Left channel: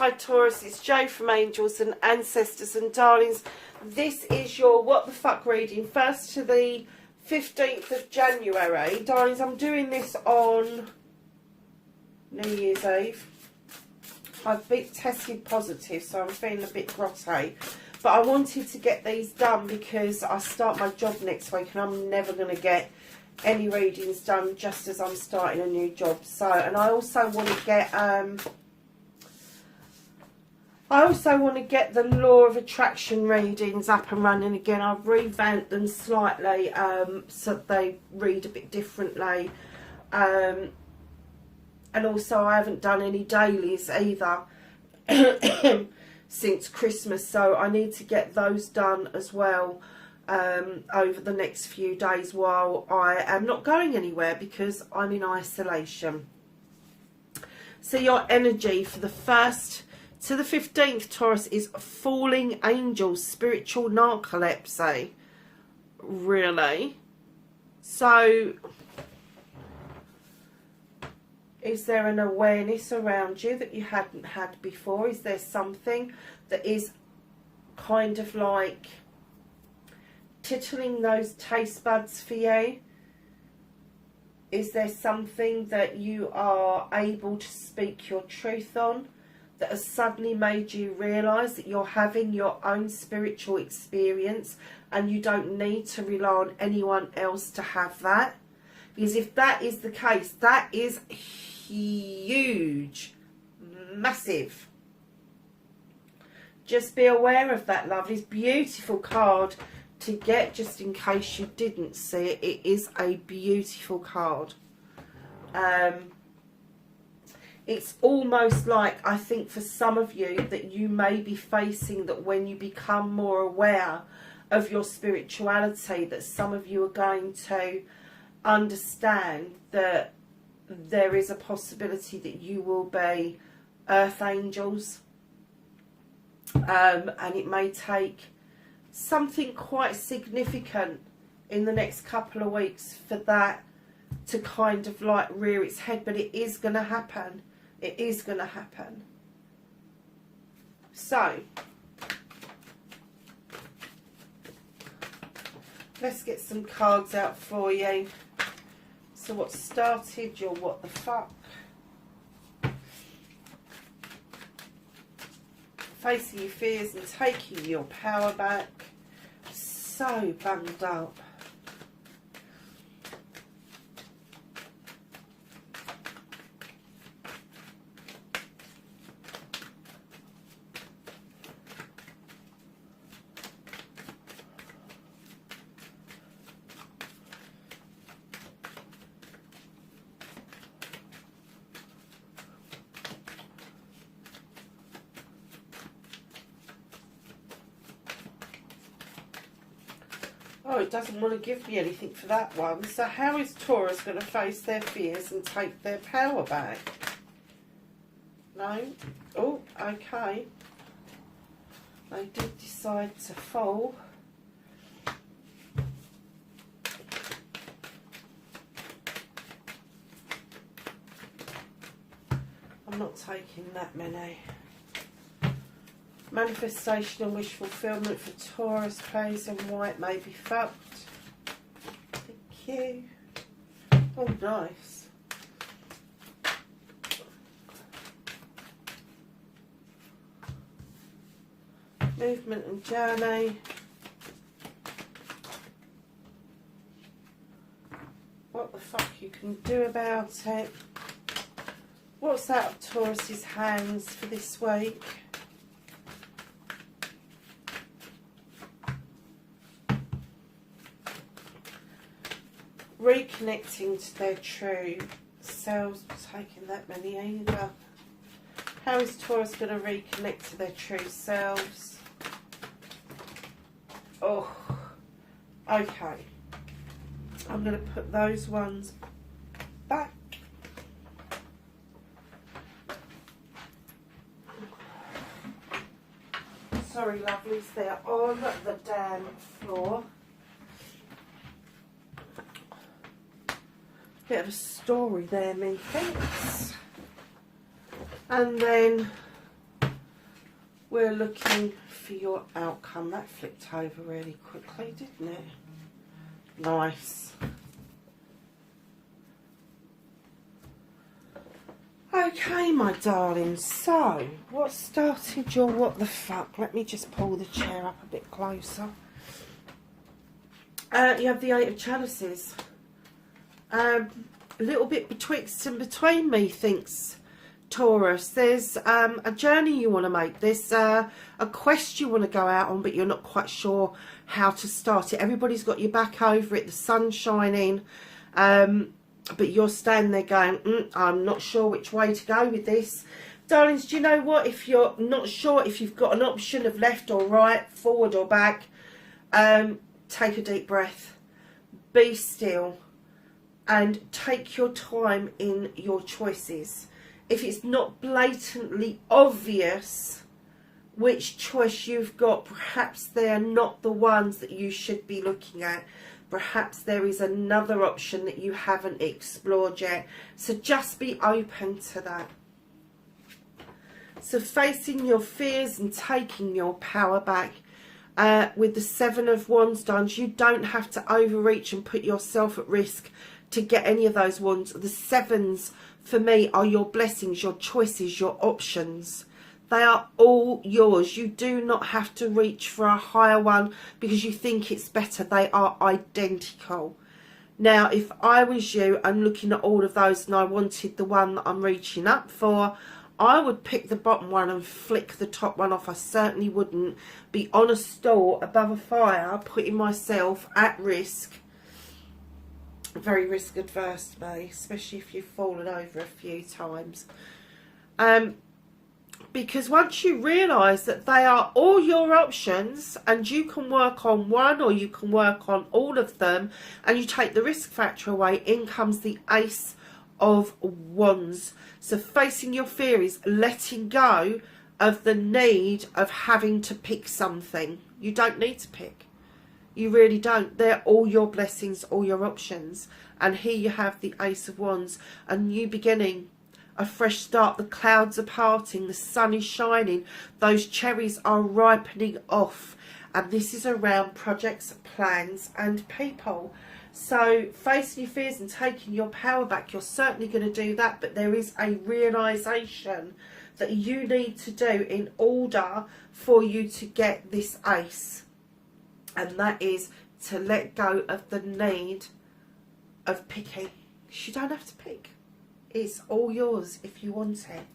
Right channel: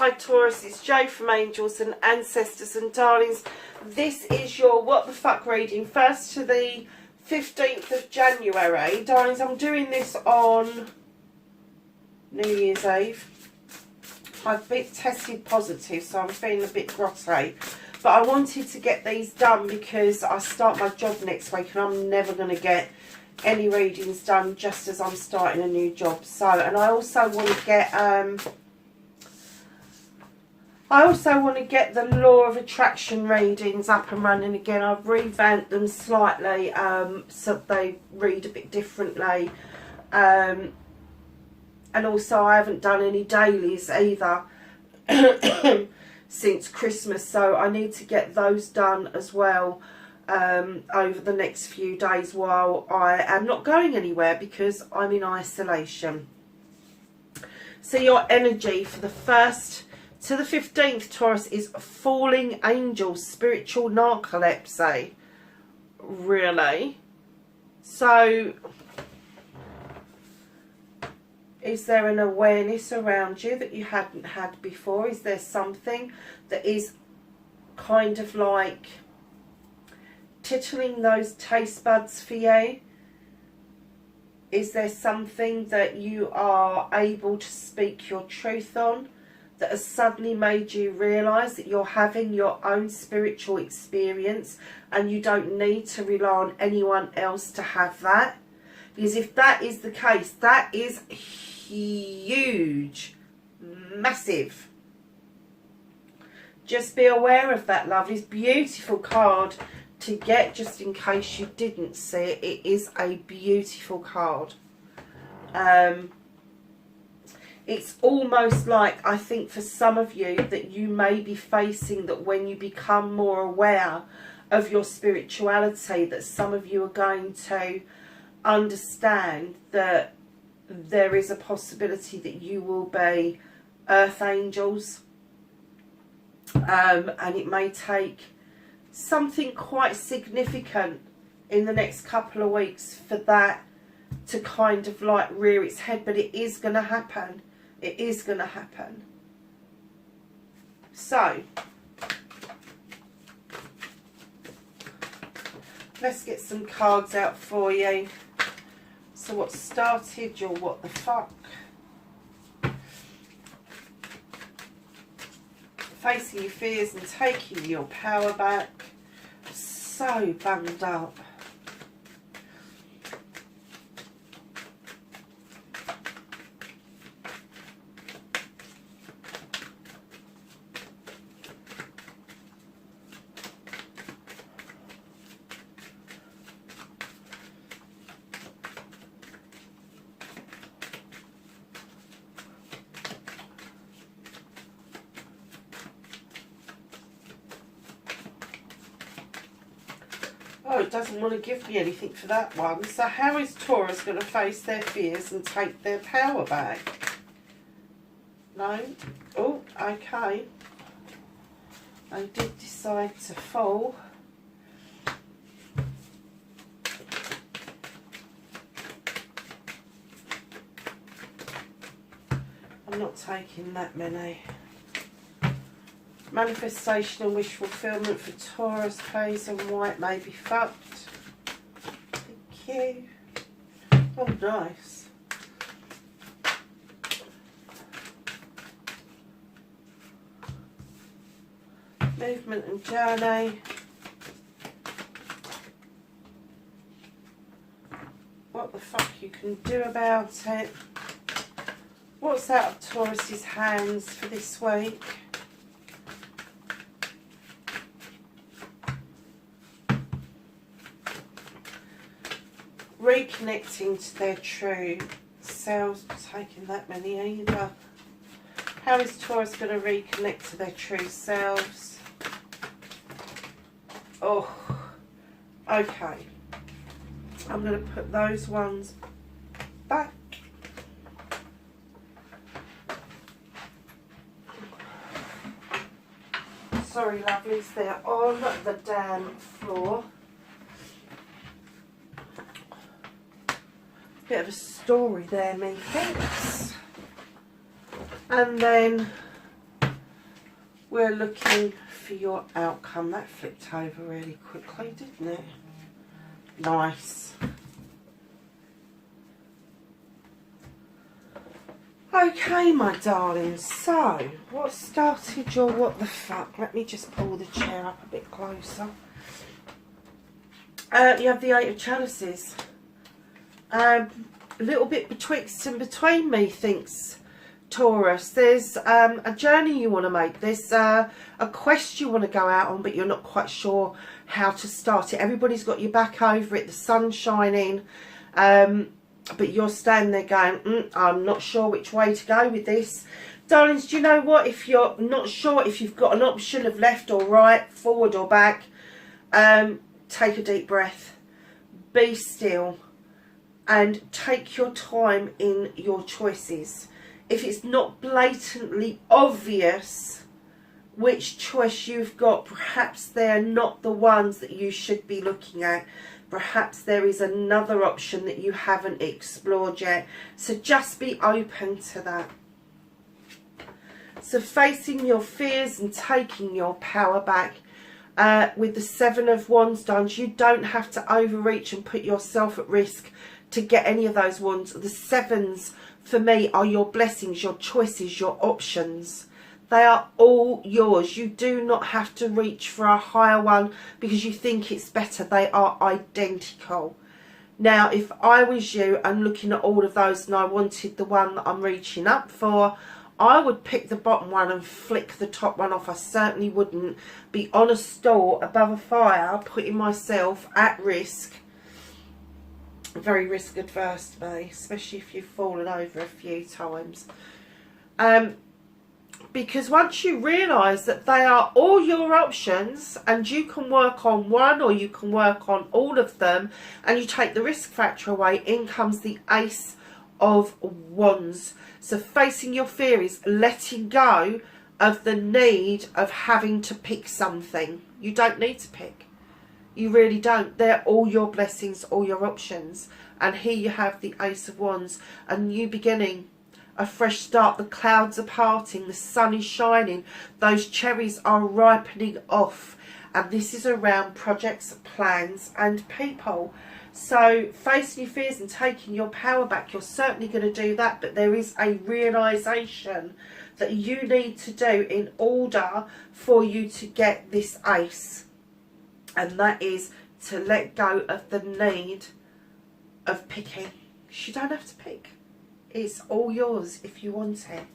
Hi Taurus, it's Jo from Angels and Ancestors and Darlings. This is your What the Fuck reading, 1st to the 15th of January. Darlings, I'm doing this on New Year's Eve. I've been tested positive, so I'm feeling a bit grotty. But I wanted to get these done because I start my job next week and I'm never going to get any readings done just as I'm starting a new job. So, and I also want to get the Law of Attraction readings up and running again. I've revamped them slightly so they read a bit differently. And also I haven't done any dailies either since Christmas, so I need to get those done as well over the next few days while I am not going anywhere because I'm in isolation. So your energy for the 1st to the 15th, Taurus, is falling angels, spiritual narcolepsy. Really? So, is there an awareness around you that you hadn't had before? Is there something that is kind of like tickling those taste buds for you? Is there something that you are able to speak your truth on that has suddenly made you realise that you're having your own spiritual experience and you don't need to rely on anyone else to have that? Because if that is the case, that is huge, massive. Just be aware of that, lovelies. Beautiful card to get, just in case you didn't see it. It is a beautiful card. It's almost like, I think for some of you, that you may be facing that when you become more aware of your spirituality, that some of you are going to understand that there is a possibility that you will be earth angels, and it may take something quite significant in the next couple of weeks for that to kind of like rear its head, but it is going to happen. It is going to happen. So let's get some cards out for you. So what started your what the fuck? Facing your fears and taking your power back. So bummed up. Oh, it doesn't want to give me anything for that one. So how is Taurus going to face their fears and take their power back? No? Oh, okay. They did decide to fall. I'm not taking that many. Manifestation and wish fulfillment for Taurus, plays and white may be fucked. Thank you. Oh, nice. Movement and journey. What the fuck you can do about it. What's out of Taurus's hands for this week? Reconnecting to their true selves, not taking that many either. How is Taurus going to reconnect to their true selves? Oh, okay. I'm going to put those ones back. Sorry, lovelies, they're on the damn floor. Bit of a story there, methinks. And then we're looking for your outcome. That flipped over really quickly, didn't it? Nice. Okay, my darlings, so what started your what the fuck? Let me just pull the chair up a bit closer. You have the Eight of Chalices. A little bit betwixt and between, methinks, Taurus. There's a journey you want to make. There's a quest you want to go out on, but you're not quite sure how to start it. Everybody's got your back over it. The sun's shining. But you're standing there going, I'm not sure which way to go with this. Darlings, do you know what? If you're not sure if you've got an option of left or right, forward or back, take a deep breath. Be still. And take your time in your choices. If it's not blatantly obvious which choice you've got, perhaps they're not the ones that you should be looking at. Perhaps there is another option that you haven't explored yet. So just be open to that. So facing your fears and taking your power back. With the Seven of Wands, darlings, you don't have to overreach and put yourself at risk to get any of those wands. The sevens, for me, are your blessings, your choices, your options. They are all yours. You do not have to reach for a higher one because you think it's better. They are identical. Now, if I was you and looking at all of those and I wanted the one that I'm reaching up for, I would pick the bottom one and flick the top one off. I certainly wouldn't be on a store above a fire putting myself at risk. Very risk adverse to me, especially if you've fallen over a few times. Because once you realise that they are all your options and you can work on one or you can work on all of them and you take the risk factor away, in comes the Ace of Wands. So facing your fear is letting go of the need of having to pick something. You don't need to pick. You really don't. They're all your blessings, all your options. And here you have the Ace of Wands, a new beginning, a fresh start. The clouds are parting, the sun is shining, those cherries are ripening off. And this is around projects, plans and people. So facing your fears and taking your power back, you're certainly going to do that. But there is a realisation that you need to do in order for you to get this ace. And that is to let go of the need of picking. You don't have to pick. It's all yours if you want it.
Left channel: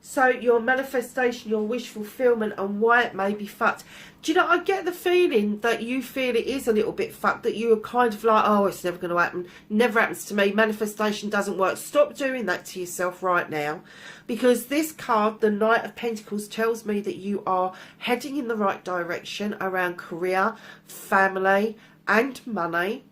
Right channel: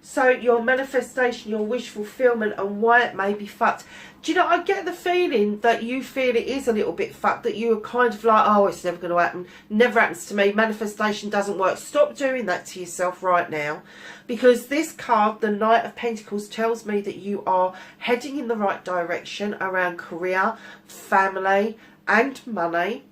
So your manifestation, your wish fulfillment and why it may be fucked. Do you know, I get the feeling that you feel it is a little bit fucked, that you are kind of like, oh, it's never going to happen. Never happens to me. Manifestation doesn't work. Stop doing that to yourself right now. Because this card, the Knight of Pentacles, tells me that you are heading in the right direction around career, family and money.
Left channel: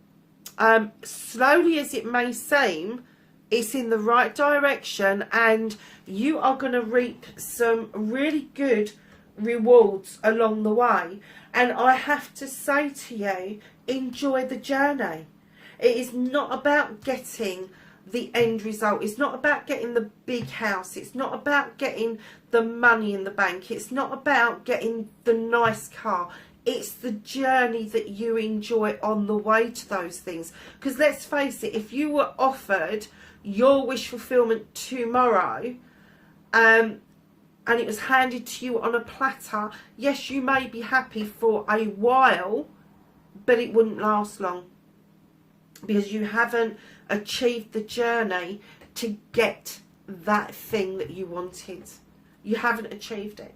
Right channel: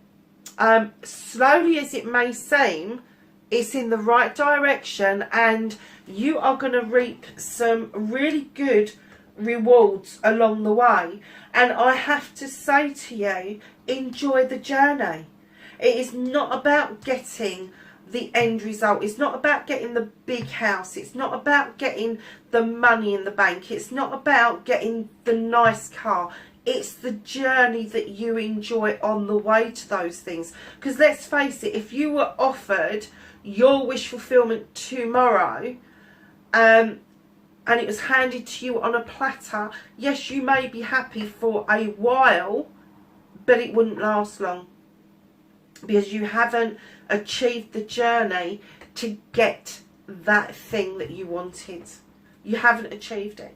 Slowly as it may seem, it's in the right direction and you are going to reap some really good rewards along the way. And I have to say to you, enjoy the journey. It is not about getting the end result. It's not about getting the big house. It's not about getting the money in the bank. It's not about getting the nice car. It's the journey that you enjoy on the way to those things. Because let's face it, if you were offered your wish fulfillment tomorrow and it was handed to you on a platter, yes, you may be happy for a while, but it wouldn't last long. Because you haven't achieved the journey to get that thing that you wanted. You haven't achieved it.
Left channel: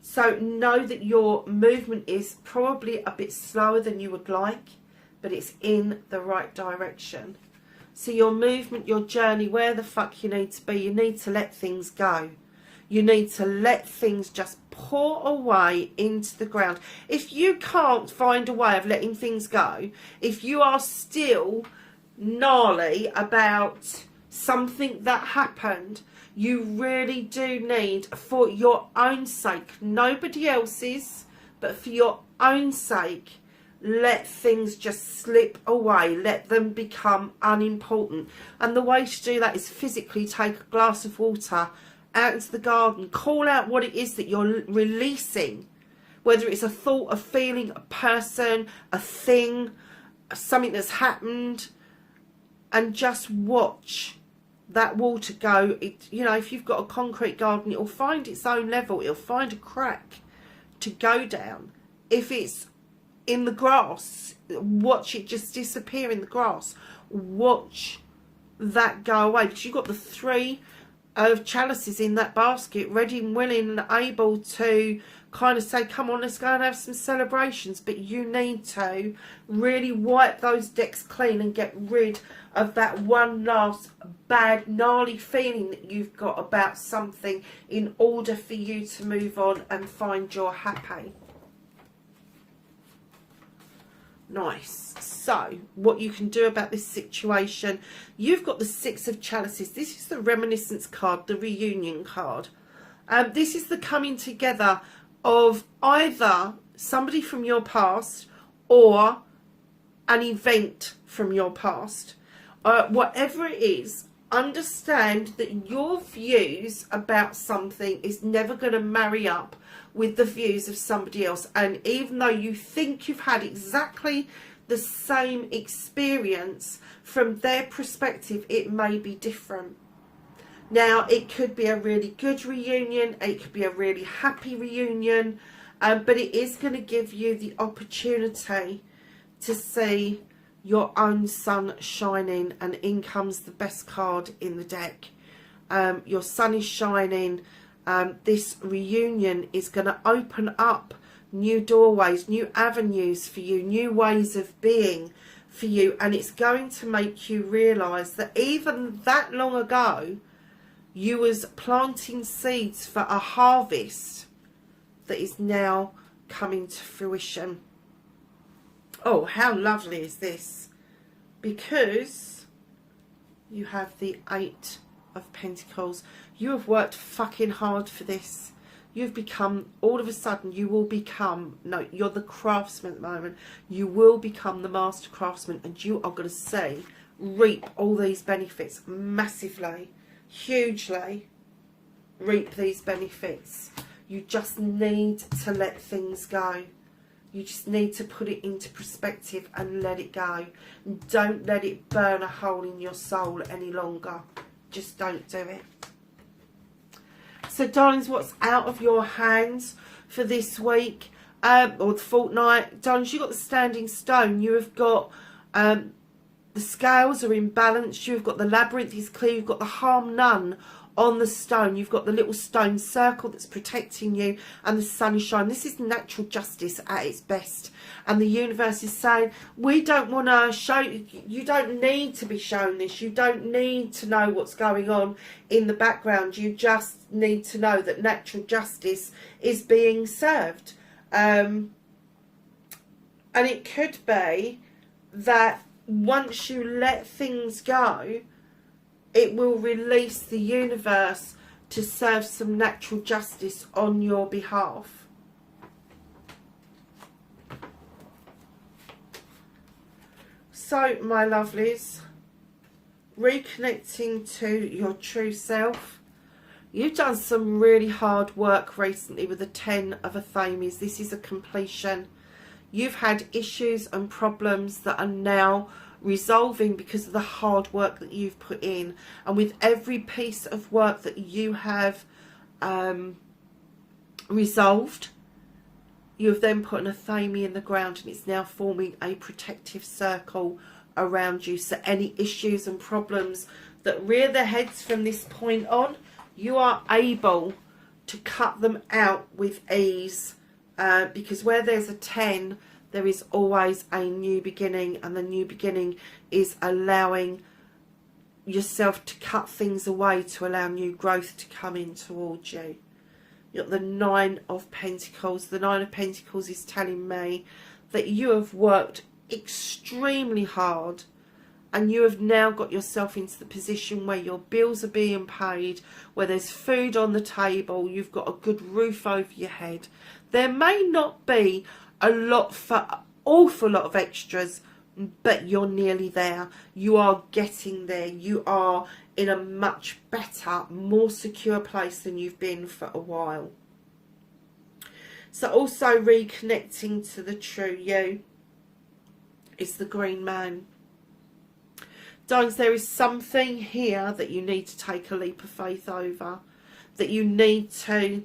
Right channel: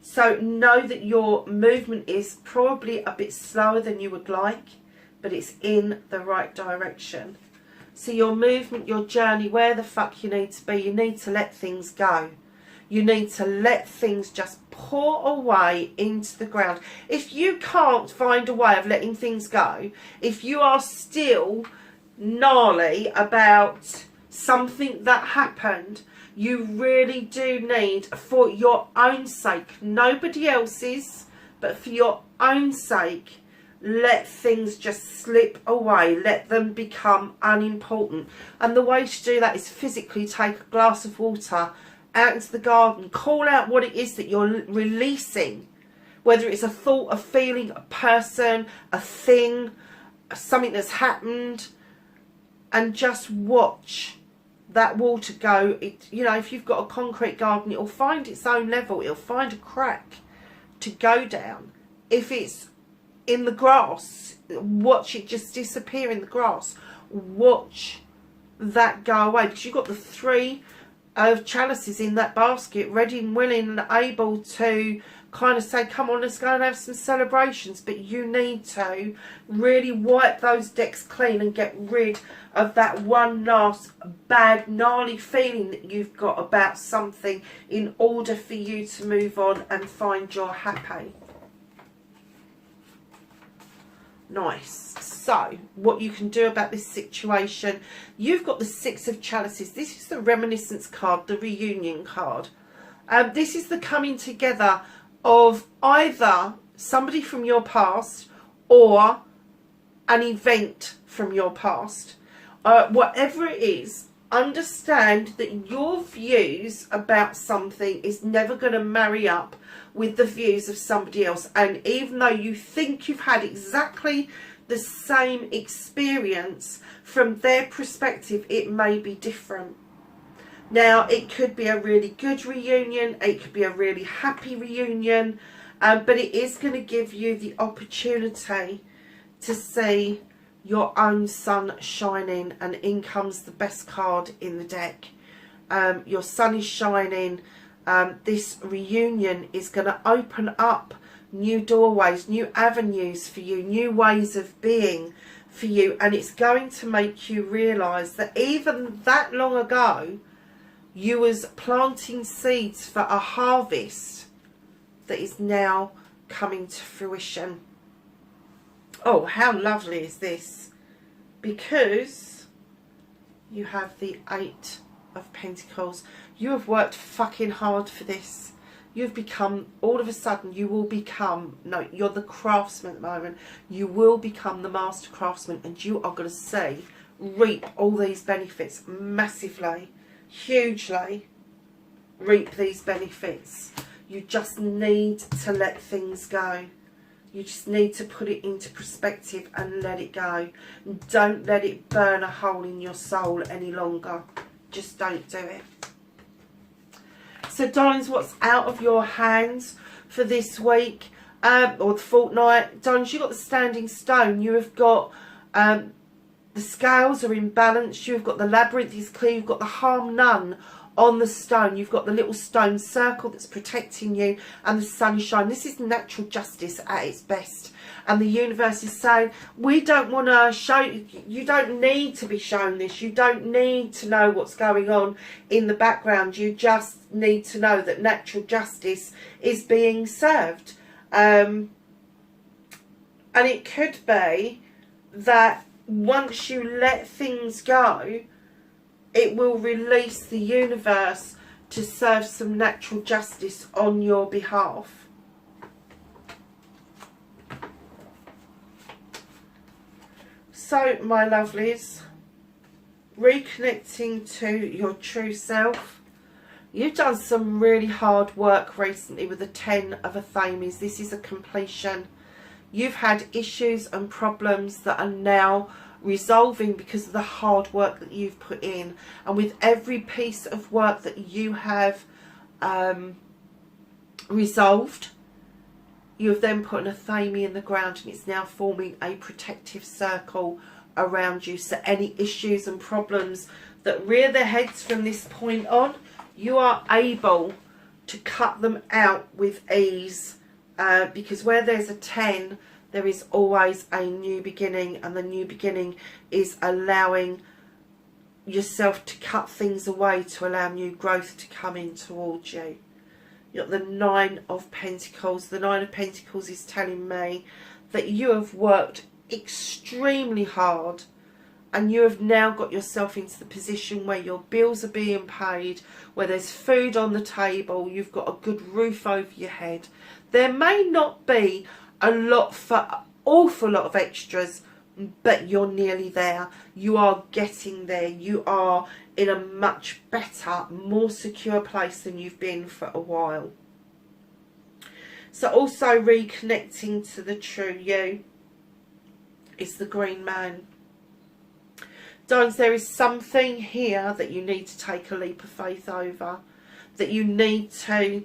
So know that your movement is probably a bit slower than you would like, but it's in the right direction. So your movement, your journey, where the fuck you need to be, you need to let things go. You need to let things just pour away into the ground. If you can't find a way of letting things go, if you are still gnarly about something that happened, you really do need, for your own sake, nobody else's, but for your own sake, let things just slip away. Let them become unimportant. And the way to do that is physically take a glass of water out into the garden. Call out what it is that you're releasing, whether it's a thought, a feeling, a person, a thing, something that's happened, and just watch that water go. You know, if you've got a concrete garden, it'll find its own level. It'll find a crack to go down. If it's in the grass, watch it just disappear in the grass. Watch that go away, because you've got the 3 of chalices in that basket, ready and willing and able to kind of say, come on, let's go and have some celebrations. But you need to really wipe those decks clean and get rid of that one last bad, gnarly feeling that you've got about something in order for you to move on and find your happy. Nice. So, what you can do about this situation, you've got the 6 of chalices. This is the reminiscence card, the reunion card. This is the coming together of either somebody from your past or an event from your past. Whatever it is, understand that your views about something is never going to marry up with the views of somebody else. And even though you think you've had exactly the same experience, from their perspective it may be different. Now, it could be a really good reunion, it could be a really happy reunion, but it is going to give you the opportunity to see your own sun shining, and in comes the best card in the deck. Your sun is shining. This reunion is going to open up new doorways, new avenues for you, new ways of being for you, and it's going to make you realise that even that long ago you was planting seeds for a harvest that is now coming to fruition. Oh, how lovely is this? Because you have the 8 of Pentacles. You have worked fucking hard for this. You've become, all of a sudden, you will become, no, you're the craftsman at the moment. You will become the master craftsman, and you are going to see, reap all these benefits massively, hugely. Reap these benefits. You just need to let things go. You just need to put it into perspective and let it go. Don't let it burn a hole in your soul any longer. Just don't do it. So, darlings, what's out of your hands for this week or the fortnight? Darlings, you've got the standing stone. You have got the scales are in balance. You've got the labyrinth is clear. You've got the harm none on the stone. You've got the little stone circle that's protecting you, and the sun is shining. This is natural justice at its best, and the universe is saying, we don't want to show you. You don't need to be shown this. You don't need to know what's going on in the background. You just need to know that natural justice is being served. And it could be that once you let things go, it will release the universe to serve some natural justice on your behalf. So, my lovelies, reconnecting to your true self. You've done some really hard work recently with the 10 of Athames. This is a completion. You've had issues and problems that are now resolving because of the hard work that you've put in, and with every piece of work that you have resolved, you have then put an Athame in the ground, and it's now forming a protective circle around you. So any issues and problems that rear their heads from this point on, you are able to cut them out with ease, because where there's a 10, there is always a new beginning, and the new beginning is allowing yourself to cut things away to allow new growth to come in towards you. You've got the 9 of Pentacles. The 9 of Pentacles is telling me that you have worked extremely hard, and you have now got yourself into the position where your bills are being paid, where there's food on the table, you've got a good roof over your head. There may not be a lot for awful lot of extras, but you're nearly there. You are getting there. You are in a much better, more secure place than you've been for a while. So also reconnecting to the true you is the Green Man. Darlings, there is something here that you need to take a leap of faith over. That you need to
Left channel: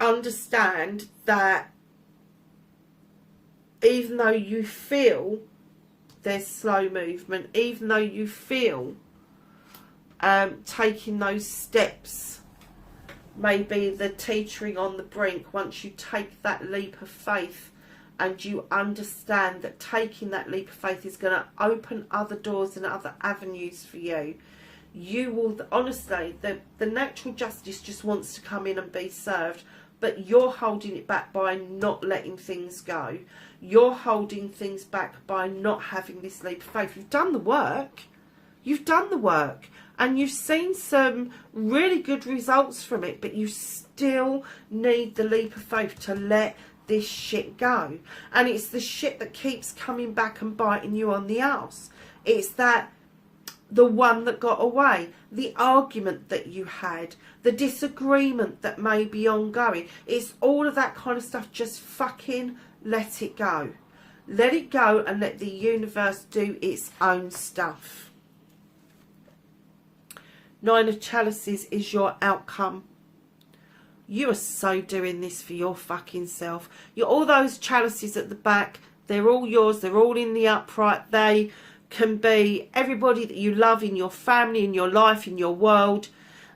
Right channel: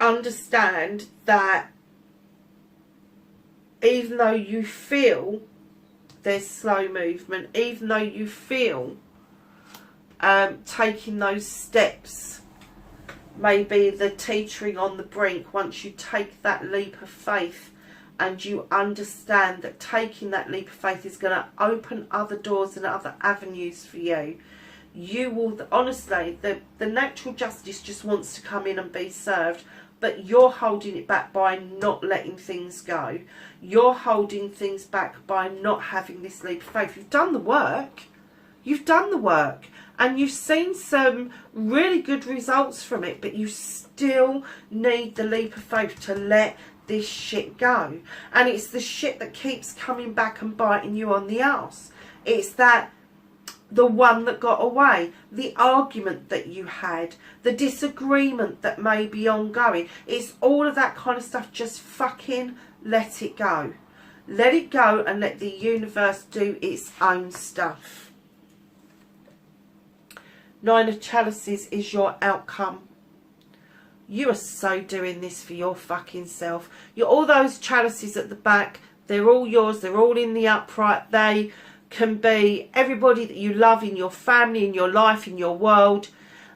understand that even though you feel there's slow movement, even though you feel taking those steps, maybe the teetering on the brink, once you take that leap of faith and you understand that taking that leap of faith is going to open other doors and other avenues for you, you will, honestly, the natural justice just wants to come in and be served, but you're holding it back by not letting things go. You're holding things back by not having this leap of faith. You've done the work. You've done the work. And you've seen some really good results from it, but you still need the leap of faith to let this shit go. And it's the shit that keeps coming back and biting you on the arse. It's that the one that got away, the argument that you had, the disagreement that may be ongoing. It's all of that kind of stuff. Just fucking let it go. Let it go and let the universe do its own stuff. Nine of Chalices is your outcome. You are so doing this for your fucking self. You're all those chalices at the back. They're all yours. They're all in the upright. They can be everybody that you love in your family, in your life, in your world.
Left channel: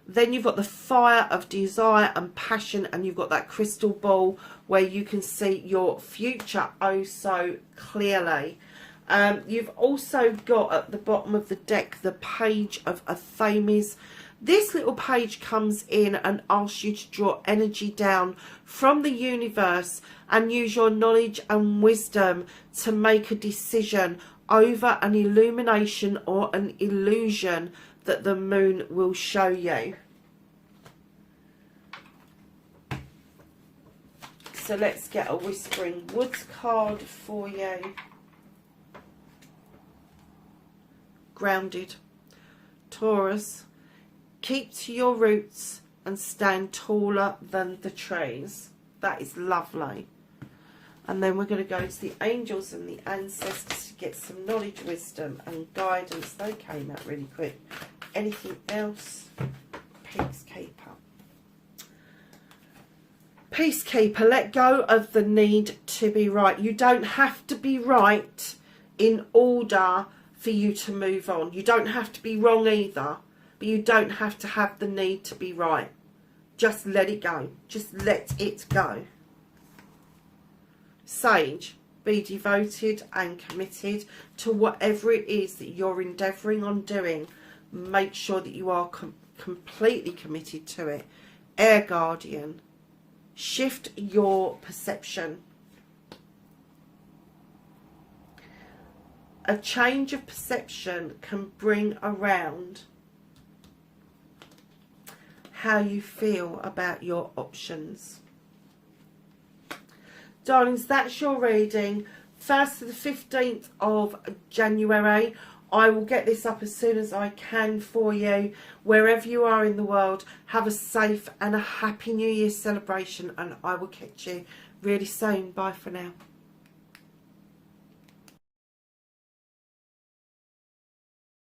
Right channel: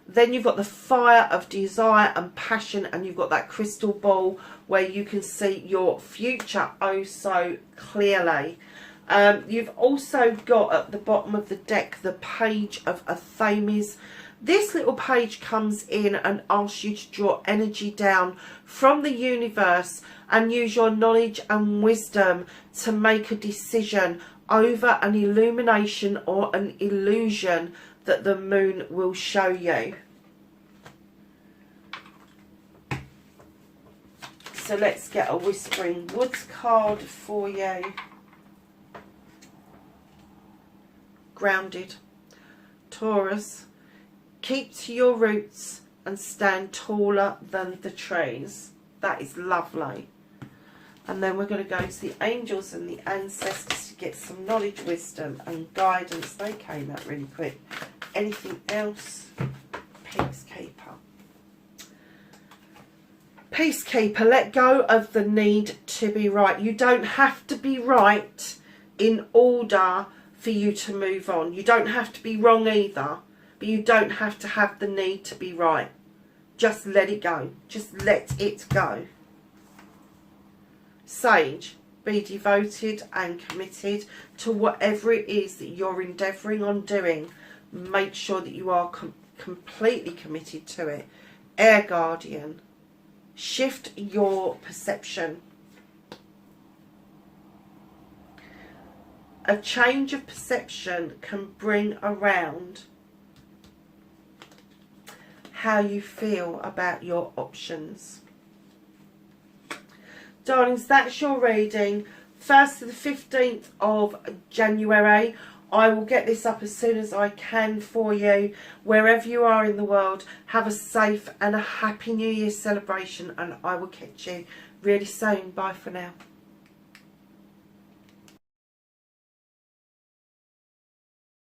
Then you've got the fire of desire and passion, and you've got that crystal ball where you can see your future oh so clearly. You've also got at the bottom of the deck the Page of Athames. This little page comes in and asks you to draw energy down from the universe and use your knowledge and wisdom to make a decision over an illumination or an illusion that the moon will show you. So let's get a Whispering Woods card for you. Grounded. Taurus, keep to your roots and stand taller than the trees. That is lovely. And then we're going to go to the angels and the ancestors to get some knowledge, wisdom and guidance. They came out really quick. Anything else? Peacekeeper. Peacekeeper, let go of the need to be right. You don't have to be right in order for you to move on. You don't have to be wrong either, but you don't have to have the need to be right. Just let it go. Just let it go. Sage, be devoted and committed to whatever it is that you're endeavouring on doing. Make sure that you are completely committed to it. Air Guardian, shift your perception. A change of perception can bring around how you feel about your options. Darlings, that's your reading. 1st to the 15th of January. I will get this up as soon as I can for you. Wherever you are in the world, have a safe and a happy New Year celebration, and I will catch you really soon. Bye for now.